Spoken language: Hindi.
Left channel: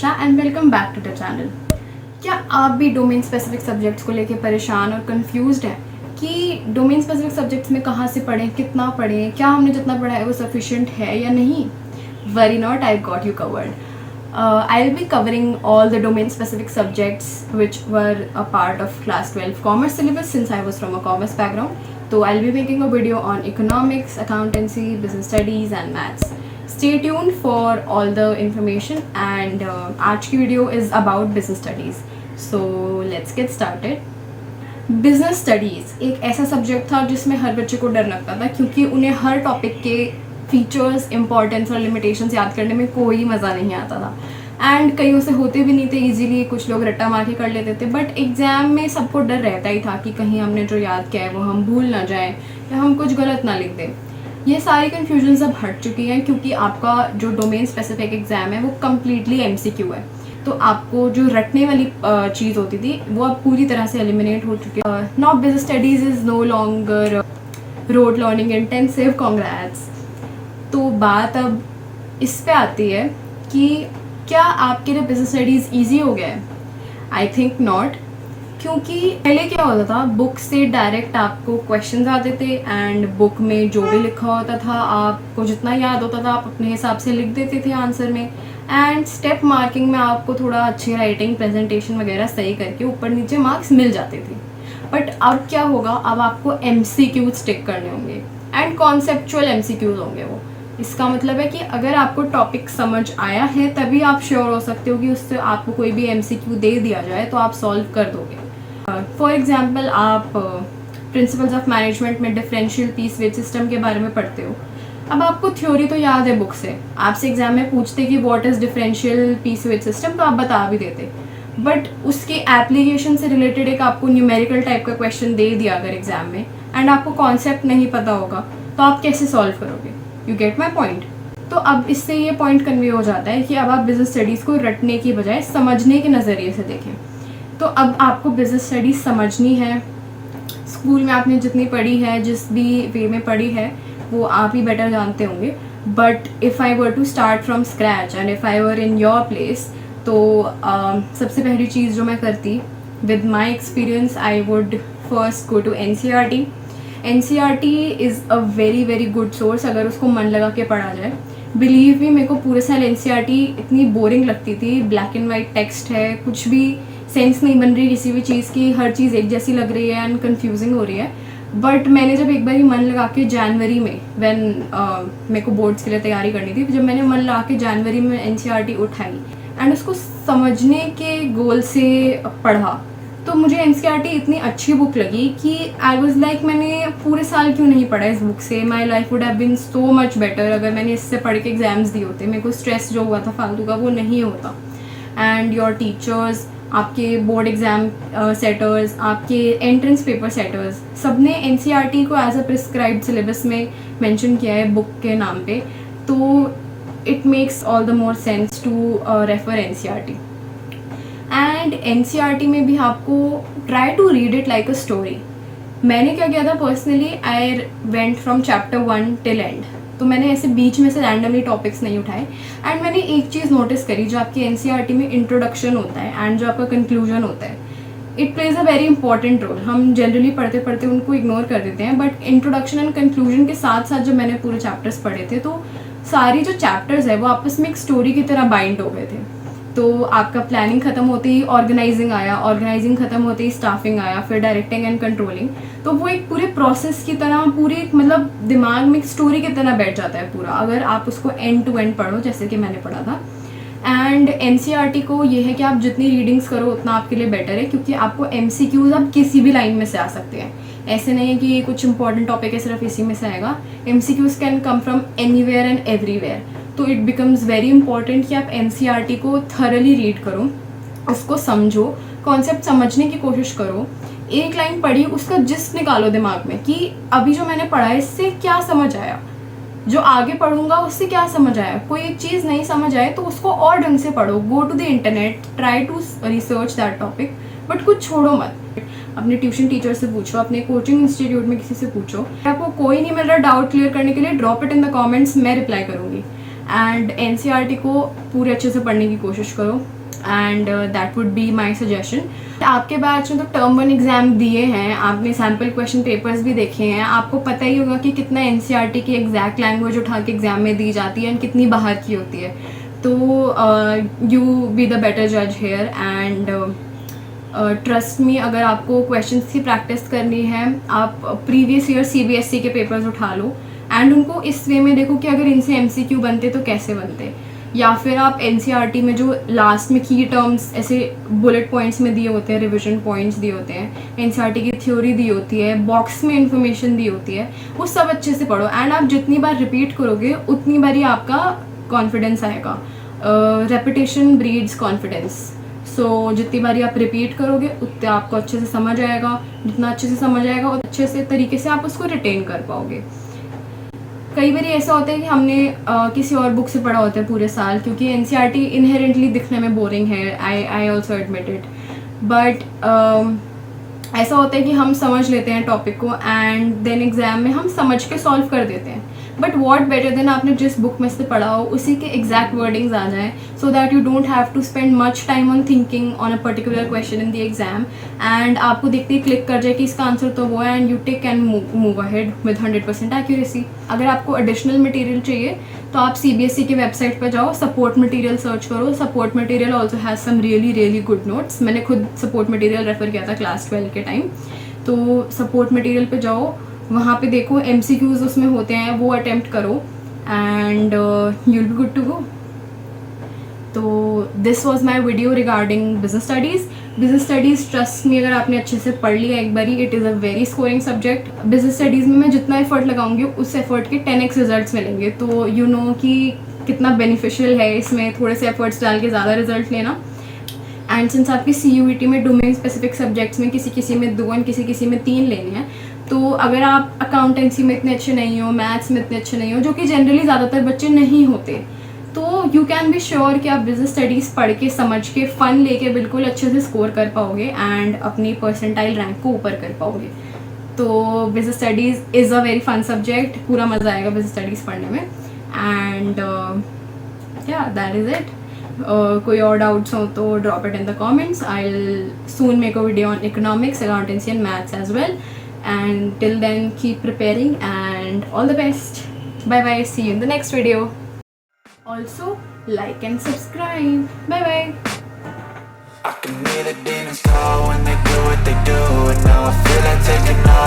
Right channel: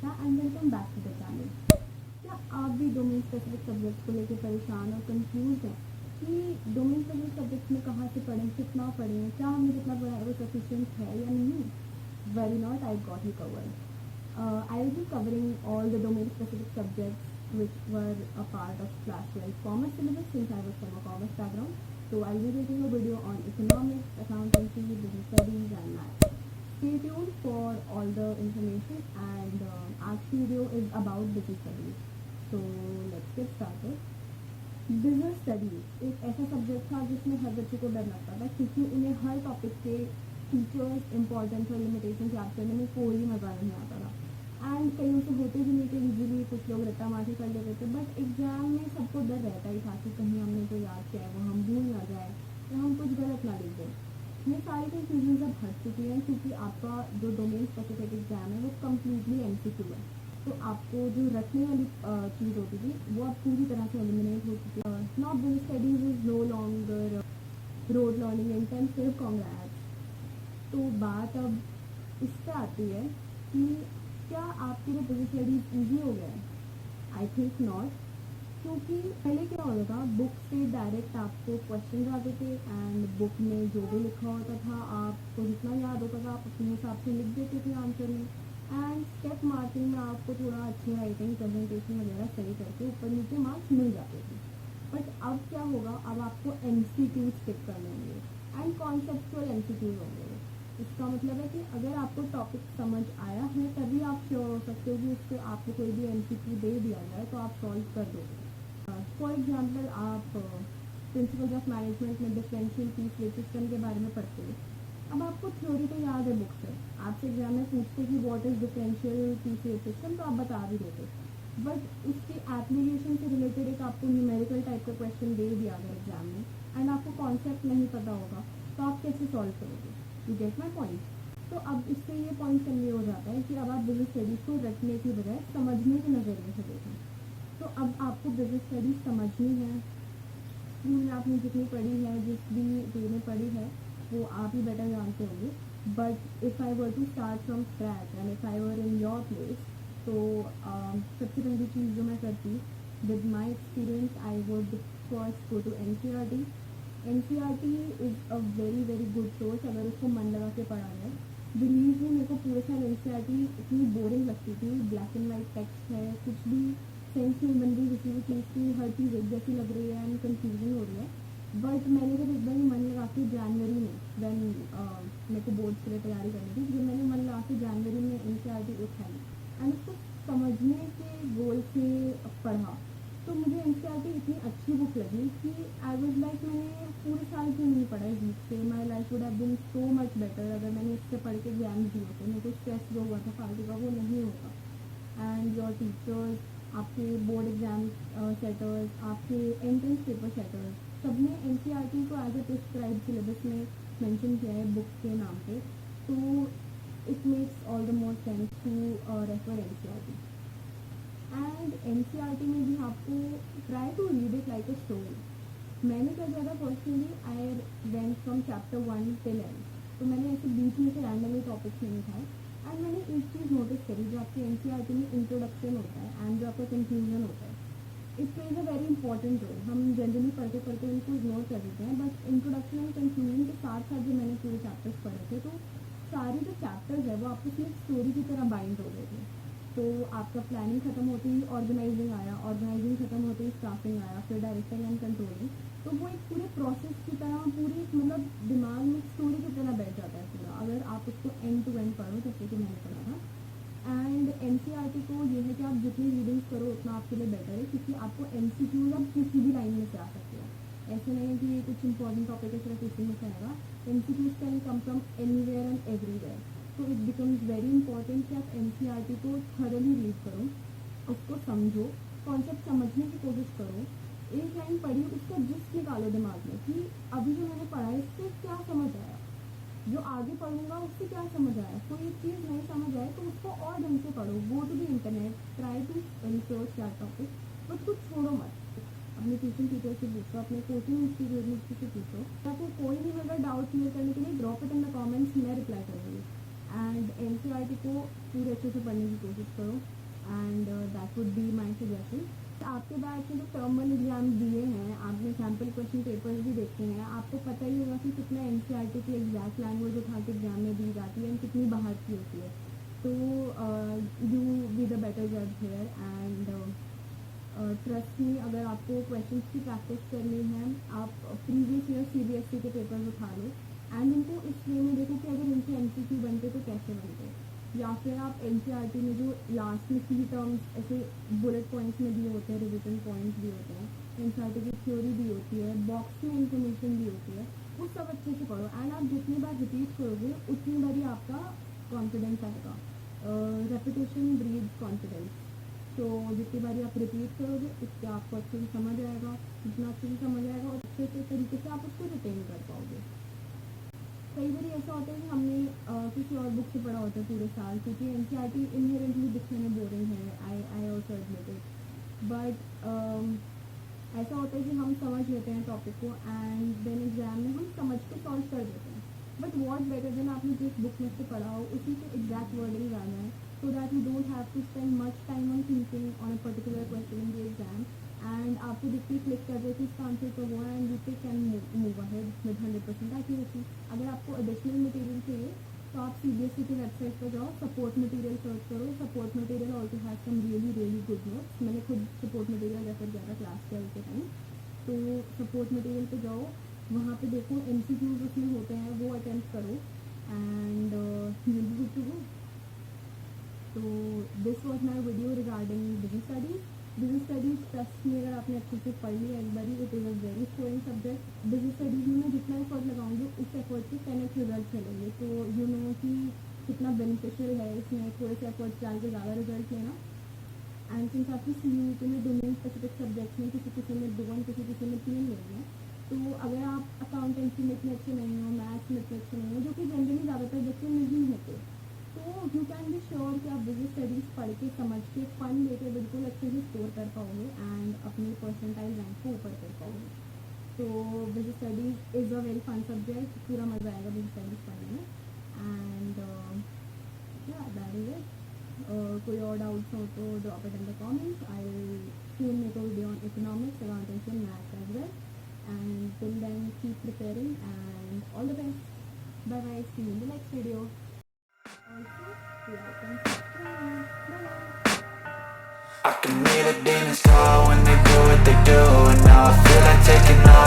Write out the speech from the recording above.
Varsha and welcome back to the channel. क्या आप भी डोमेन स्पेसिफिक सब्जेक्ट्स को लेकर परेशान और कंफ्यूज्ड हैं कि डोमेन स्पेसिफिक सब्जेक्ट्स में कहाँ से पढ़ें, कितना पढ़ें, क्या हमने जितना पढ़ा है वो सफिशिएंट है या नहीं? Worry not, I got you covered. I will be covering all the domain specific subjects which were a part of class 12 commerce syllabus since I was from a commerce background. So I'll be making a video on economics, accountancy, business studies and maths. Stay tuned for all the information and आज की video is about business studies. So let's get started. Business studies एक ऐसा सब्जेक्ट था जिसमें हर बच्चे को डर लगता था क्योंकि उन्हें हर टॉपिक के फीचर्स, इंपॉर्टेंस और लिमिटेशंस याद करने में कोई मज़ा नहीं आता था एंड कईयों से होते भी नहीं थे इजीली, कुछ लोग रट्टा मार के कर लेते थे. बट एग्ज़ाम में सबको डर रहता ही था कि कहीं हमने जो याद किया है वो हम भूल ना जाएं या हम कुछ गलत ना लिख दें. ये सारी कन्फ्यूजन अब हट चुकी हैं क्योंकि आपका जो डोमेन स्पेसिफिक एग्ज़ाम है वो कम्प्लीटली MCQ है. तो आपको जो रटने वाली चीज़ होती थी वो अब पूरी तरह से एलिमिनेट हो चुकी है. Now business studies is no longer rote learning intensive. Congrats. तो बात अब इस पे आती है कि क्या आपके लिए बिजनेस स्टडीज़ ईजी हो गया है? आई थिंक नॉट, क्योंकि पहले क्या होता था, बुक से डायरेक्ट आपको क्वेश्चंस आते थे एंड बुक में जो भी लिखा होता था आपको जितना याद होता था आप अपने हिसाब से लिख देते थे आंसर में. एंड स्टेप मार्किंग में आपको थोड़ा अच्छी राइटिंग, प्रेजेंटेशन वगैरह सही करके ऊपर नीचे मार्क्स मिल जाते थे. बट अब क्या होगा, अब आपको MCQ स्टिक करने होंगे एंड कॉन्सेप्चुअल MCQs होंगे. वो इसका मतलब है कि अगर आपको टॉपिक समझ आया है तभी आप श्योर हो सकते हो कि उससे आपको कोई भी MCQ दे दिया जाए तो आप सॉल्व कर दोगे. फॉर एग्जांपल आप प्रिंसिपल्स ऑफ मैनेजमेंट में डिफरेंशियल पीस वेज सिस्टम के बारे में पढ़ते हो. अब आपको थ्योरी तो याद है बुक से, आपसे एग्जाम में पूछते कि what is differential piece wage system तो आप बता भी देते. बट उसके एप्लीकेशन से रिलेटेड एक आपको न्यूमेरिकल टाइप का क्वेश्चन दे दिया अगर एग्जाम में एंड आपको कॉन्सेप्ट नहीं पता होगा तो आप कैसे सॉल्व करोगे? You get my point. तो अब इससे ये पॉइंट कन्वे हो जाता है कि अब आप बिजनेस स्टडीज़ को रटने की बजाय समझने के नज़रिए से देखें. तो अब आपको बिजनेस स्टडीज़ समझनी है. स्कूल में आपने जितनी पढ़ी है, जिस भी वे में पढ़ी है वो आप ही बेटर जानते होंगे. But if I were to start from scratch and if I were in your place तो सबसे पहली चीज़ जो मैं करती with my experience, I would first go to NCERT. NCERT is a very good source अगर उसको मन लगा के पढ़ा जाए. बिलीव मी, मेरे को पूरे साल NCERT इतनी बोरिंग लगती थी. ब्लैक एंड वाइट टेक्स्ट है, कुछ भी सेंस नहीं बन रही किसी भी चीज़ की, हर चीज़ एक जैसी लग रही है एंड कन्फ्यूजिंग हो रही है. बट मैंने जब एक बार ही मन लगा के जनवरी में व्हेन मेरे को बोर्ड्स के लिए तैयारी करनी थी, जब मैंने मन लगा के जनवरी में NCERT उठाई एंड उसको समझने के गोल से पढ़ा तो मुझे NCERT इतनी अच्छी बुक लगी कि आई वॉज लाइक मैंने पूरे साल क्यों नहीं पढ़ा इस बुक से. My life would have been so much better अगर मैंने इससे पढ़ के एग्जाम्स दिए होते. मेरे को स्ट्रेस जो हुआ था फालतू का वो नहीं होता. एंड योर टीचर्स, आपके बोर्ड एग्ज़ाम सेटर्स, आपके एंट्रेंस पेपर सेटर्स, सब ने NCERT को एज अ प्रिस्क्राइब्ड सिलेबस में मेंशन किया है बुक के नाम पे. तो it makes all the more sense to refer NCERT. And NCERT में भी आपको try to read it like a story. मैंने क्या किया था personally, I went from chapter 1 till end. तो मैंने ऐसे बीच में से रैंडमली टॉपिक्स नहीं उठाए. एंड मैंने एक चीज़ नोटिस करी, जो आपकी NCERT में इंट्रोडक्शन होता है एंड जो आपका कंक्लूजन होता है, it plays a very important role. हम जनरली पढ़ते पढ़ते उनको इग्नोर कर देते हैं. बट इंट्रोडक्शन एंड कंक्लूजन के साथ साथ जब मैंने पूरे चैप्टर्स पढ़े थे तो सारी जो चैप्टर्स है वो आपस में एक स्टोरी की तरह बाइंड हो गए थे. तो आपका प्लानिंग ख़त्म होते ही ऑर्गेनाइजिंग आया, ऑर्गेनाइजिंग ख़त्म होते ही स्टाफिंग आया, फिर डायरेक्टिंग एंड कंट्रोलिंग. तो वो एक पूरे प्रोसेस की तरह, पूरी मतलब दिमाग में एक स्टोरी की तरह बैठ जाता है पूरा अगर आप उसको एंड टू एंड पढ़ो जैसे कि मैंने पढ़ा था. एंड NCERT को ये है कि आप जितनी रीडिंग्स करो उतना आपके लिए बेटर है क्योंकि आपको MCQs अब किसी भी लाइन में से आ सकते हैं. ऐसे नहीं है कि कुछ इंपॉर्टेंट टॉपिक है सिर्फ इसी में से आएगा. MCQs can come from anywhere and everywhere. तो इट बिकम्स वेरी इंपॉर्टेंट कि आप NCERT को थरली रीड करो, उसको समझो, कॉन्सेप्ट समझने की कोशिश करो. एक लाइन पढ़ी, उसका जिस्ट निकालो दिमाग में कि अभी जो मैंने पढ़ा है इससे क्या समझ आया, जो आगे पढ़ूंगा उससे क्या समझ आया. कोई एक चीज़ नहीं समझ आए तो उसको और ढंग से पढ़ो. Go to the internet, try to research that topic, but कुछ छोड़ो मत. अपने ट्यूशन टीचर से पूछो, अपने कोचिंग इंस्टीट्यूट में किसी से पूछो. आपको कोई नहीं मिल रहा डाउट क्लियर करने के लिए, drop it in the comments, मैं रिप्लाई करूँगी. एंड एनसीईआरटी को पूरे अच्छे से पढ़ने की कोशिश करो, and that would be my suggestion. आपके बैच में तो टर्म 1 एग्ज़ाम दिए हैं, आपने सैम्पल क्वेश्चन पेपर्स भी देखे हैं, आपको पता ही होगा कि कितना एनसीईआरटी की एग्जैक्ट लैंग्वेज उठा के एग्ज़ाम में दी जाती है एंड कितनी बाहर की होती है। तो यू बी द बेटर जज हेयर, एंड ट्रस्ट मी, अगर आपको क्वेश्चंस की प्रैक्टिस करनी है, आप प्रीवियस ईयर सीबीएसई के पेपर्स उठा लो एंड उनको इस वे में देखो कि अगर इनसे एमसीक्यू बनते तो कैसे बनते, या फिर आप एनसीईआरटी में जो लास्ट में की टर्म्स ऐसे बुलेट पॉइंट्स में दिए होते हैं, रिविजन पॉइंट्स दिए होते हैं, एनसीईआरटी की थ्योरी दी होती है, बॉक्स में इन्फॉर्मेशन दी होती है, वो सब अच्छे से पढ़ो। एंड आप जितनी बार रिपीट करोगे उतनी बार ही आपका कॉन्फिडेंस आएगा। Repetition breeds confidence. सो जितनी बारी आप रिपीट करोगे उतने आपको अच्छे से समझ आएगा, जितना अच्छे से समझ आएगा और अच्छे से तरीके से आप उसको रिटेन कर पाओगे। कई बार ऐसा होता है कि हमने किसी और बुक से पढ़ा होता है पूरे साल, क्योंकि एनसीईआरटी इनहेरेंटली दिखने में बोरिंग है, I also admit it, but ऐसा होता है कि हम समझ लेते हैं टॉपिक को एंड देन एग्ज़ाम में हम समझ के सॉल्व कर देते हैं। बट वॉट बेटर देन आपने जिस बुक में से पढ़ा हो उसी के एग्जैक्ट वर्डिंग्स आ जाएँ, so that you don't have to spend much time on thinking on a particular question in the exam, and आपको देखते ही क्लिक कर जाए कि इसका आंसर तो वो है, and you take and move ahead with 100% accuracy. अगर आपको एडिशनल मटेरियल चाहिए तो आप सीबीएसई की वेबसाइट पर जाओ, सपोर्ट मटेरियल सर्च करो। Support material also has some really good notes. मैंने खुद सपोर्ट मटेरियल रेफर किया था क्लास 12 के टाइम, तो सपोर्ट मटेरियल पे जाओ, वहाँ पे देखो एमसीक्यूज उसमें होते हैं, वो अटेम्प्ट करो and you will be good to go. तो this was my video regarding business studies. Business studies trust me, अगर आपने अच्छे से पढ़ लिया एक बारी, it is a very scoring subject. Business studies में मैं जितना एफर्ट लगाऊंगी उस एफर्ट के 10x रिजल्ट्स मिलेंगे, तो यू नो कि कितना बेनिफिशियल है इसमें थोड़े से एफर्ट्स डाल के ज़्यादा रिजल्ट लेना। एंड सिंस आपकी CUET में डोमेन स्पेसिफिक सब्जेक्ट्स में किसी में 2 और किसी में 3 लेने हैं, तो अगर आप अकाउंटेंसी में इतने अच्छे नहीं हो, मैथ्स में इतने अच्छे नहीं हो, जो कि जनरली ज़्यादातर बच्चे नहीं होते, तो यू कैन बी श्योर कि आप बिजनेस स्टडीज़ पढ़ के समझ के फ़न लेके बिल्कुल अच्छे से स्कोर कर पाओगे एंड अपनी परसेंटाइल रैंक को ऊपर कर पाओगे। तो business studies is a very fun subject, पूरा मज़ा आएगा बिजनेस स्टडीज़ पढ़ने में। एंड या दैट इज़ इट। कोई और डाउट्स हो तो drop it in the comments. I will soon make a video on economics, accountancy and maths as well, and till then keep preparing and all the best. Bye bye, see you in the next video. Also like and subscribe. Bye bye. I can hear the demons call when they do what they do, and now I feel like taking off.